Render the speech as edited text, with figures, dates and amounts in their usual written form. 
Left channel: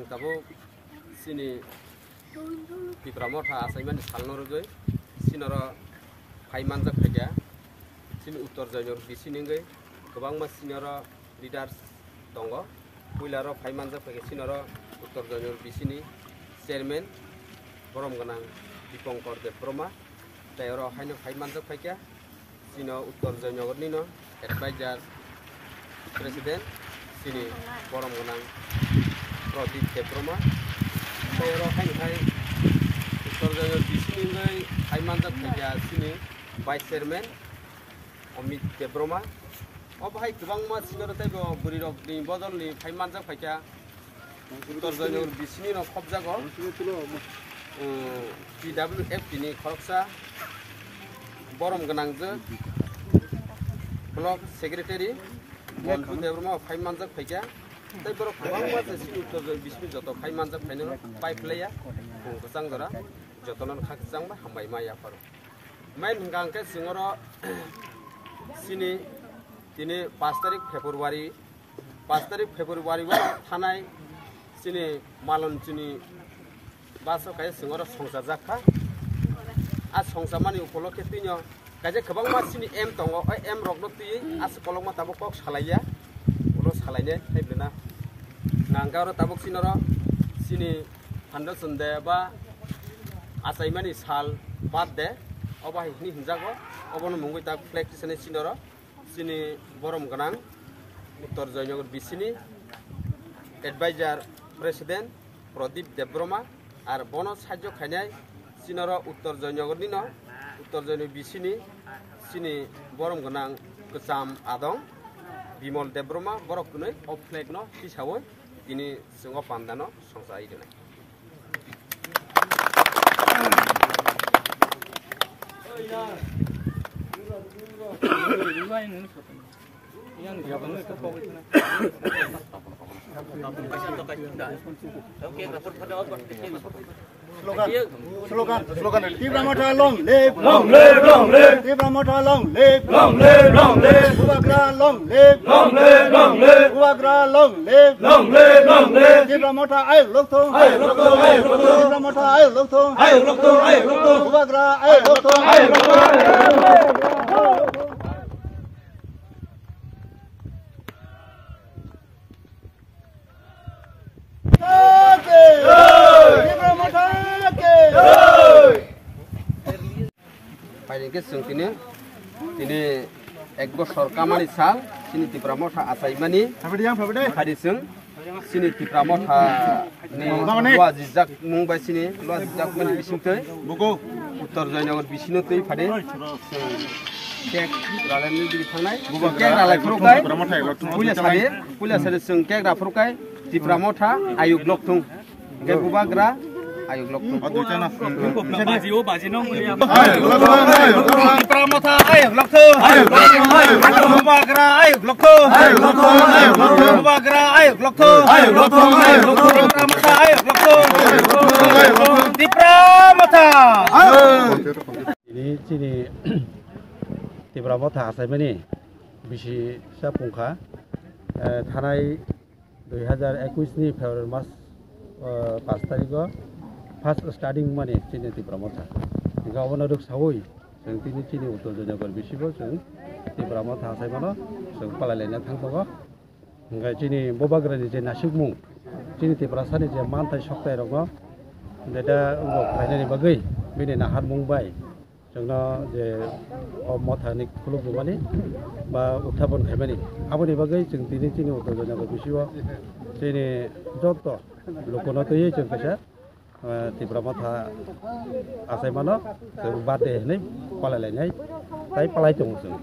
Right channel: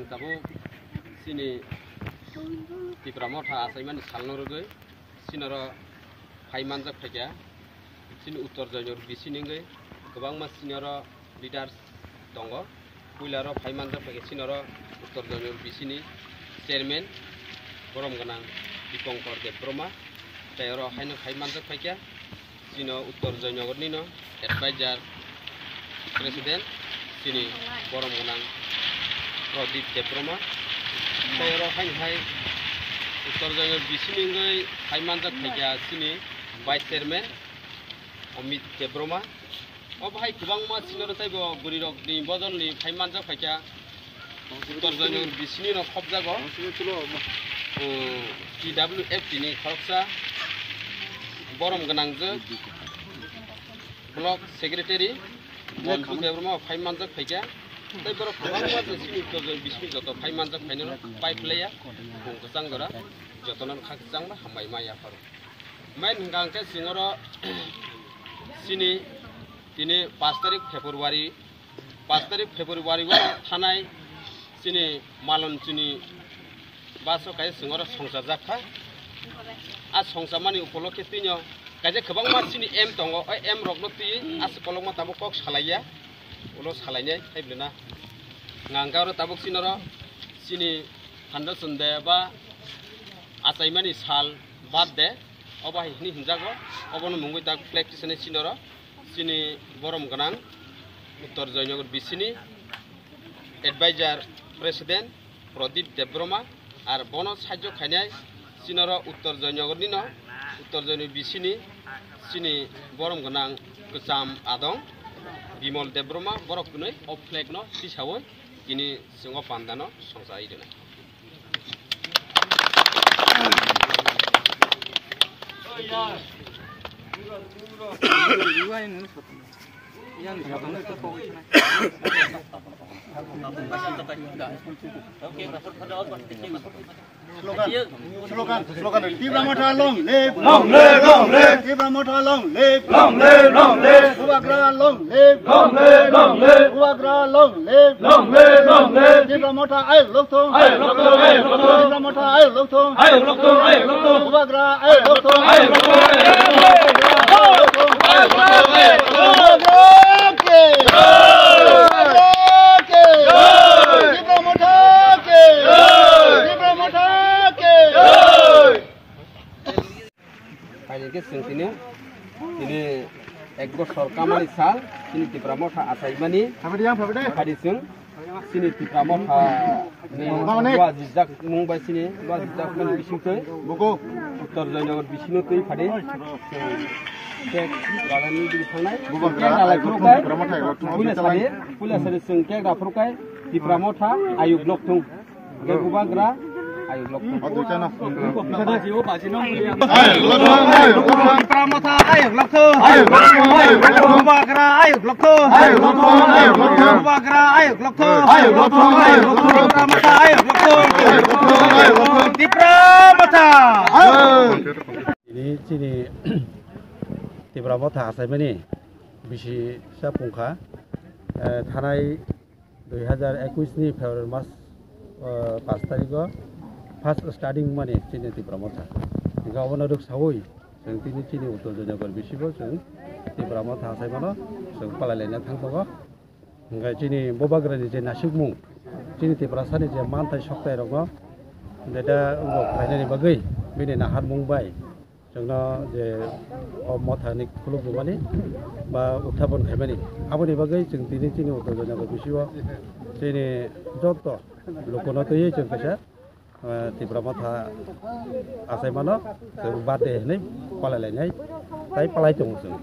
Ang tabo sini Tipramotha asaimani salnorugoi sinoro phaimanjak phaikya sini uttor jainor bisiningai gobangma sinoro leaders tongo puilaro phaimanjak phaikya sinoro uttor jainor bisini chairman borom ganang Dipankar Debroma tayoro haino phaimanjak phaikya sino uttor jainor nino advisor president sini borom ganang Pradip Debroma tayoro haino hai uttor jainor bisiningai phaimanjak phaikya sini vice chairman Amit Debroma obhai kubangma sinoro taibo burirok ni bodol ni phaimanjak phaikya uttor jainor bisini no khobjago TWF ni khoroksa borom ganangje block secretary Montu Debroma phaimanjak phaikya tai borok kubangma je sini uttor jainor bisini joto phaimanjak phainero pipe laya kungsang dora jotonan khaksang ba hambai maya paro main hingangke singoro sini tini 5 tarik Februari wa thanai sini malon chini baso kai singoro songsa jakha a songsa mani upolokhe tinyo kaje khobang ma sini m tongo oi m rokno ti as kolongma tabuk kok salaiya ulo salainai thaiblena ngangaro tabuk sinoro sini foundation de ba asaimani sal bad de oba hini hinjago obono mungui tak flag tisane sinoro sini borom ganang uttor jainor bisini advisor president Pradip Debroma ar bono sajjo khainai sinoro uttor jainor nino uttor jainor bisini sini borom ganang kusam adong Bimol Debroma borok kunoi of flag no tisawoi kini singo pandano songsa idena Slogan Tipramotha long live Tipramotha long live Ubagra long live Ubagra long live Tipramotha ay lokthong Tipramotha ay lokthong Ubagra ay lokthong Paling sing tini ek bosor kamani sal sini Tipramotha asaimani hadisung sini Tipramotha ni lua jijak mungbai sini lua jijak mani bisingtoi buku uttor jainor bisini tui phade kek ralani diri thangnai kek ralai phrukai pulia sade sung kek ra phrukai Tipramotha ayu blok thung ke bubagra ayu blok thung Tipramotha ayu blok thung bubagra ayu blok thung bubagra ayu blok thung Tipramotha ayu blok thung Tipramotha ini sini Tipramotha asaimani bisi sapungkha thanai 2021 ni February mas 5 tariko first starting mani sini Tipramotha hingga obono ruk sawoi जों तिनि चिनि उत्तर जायगायाव बिसिबो जों Tipramotha asaimano जों पालायलायना थांबागो हंगा चिनि बबाग्रानि जे नासिकमुं चिनि Tiprasani जे मानथाय सक्ताय रंगो दा उंगो फायनानि बागै बिनि नाहार मुंबाय जोंनो जे मथानि खुलुमबानि बा उत्थापन खायमानि आबोनि बागै जों तिनि चिनि उत्तर जायगायाव बिसिबो चिनि जत लोकनो तयै जों कैसा Tipramotha asaimano जों बादे नै पालायलायनाय ताय पालाय दङ जों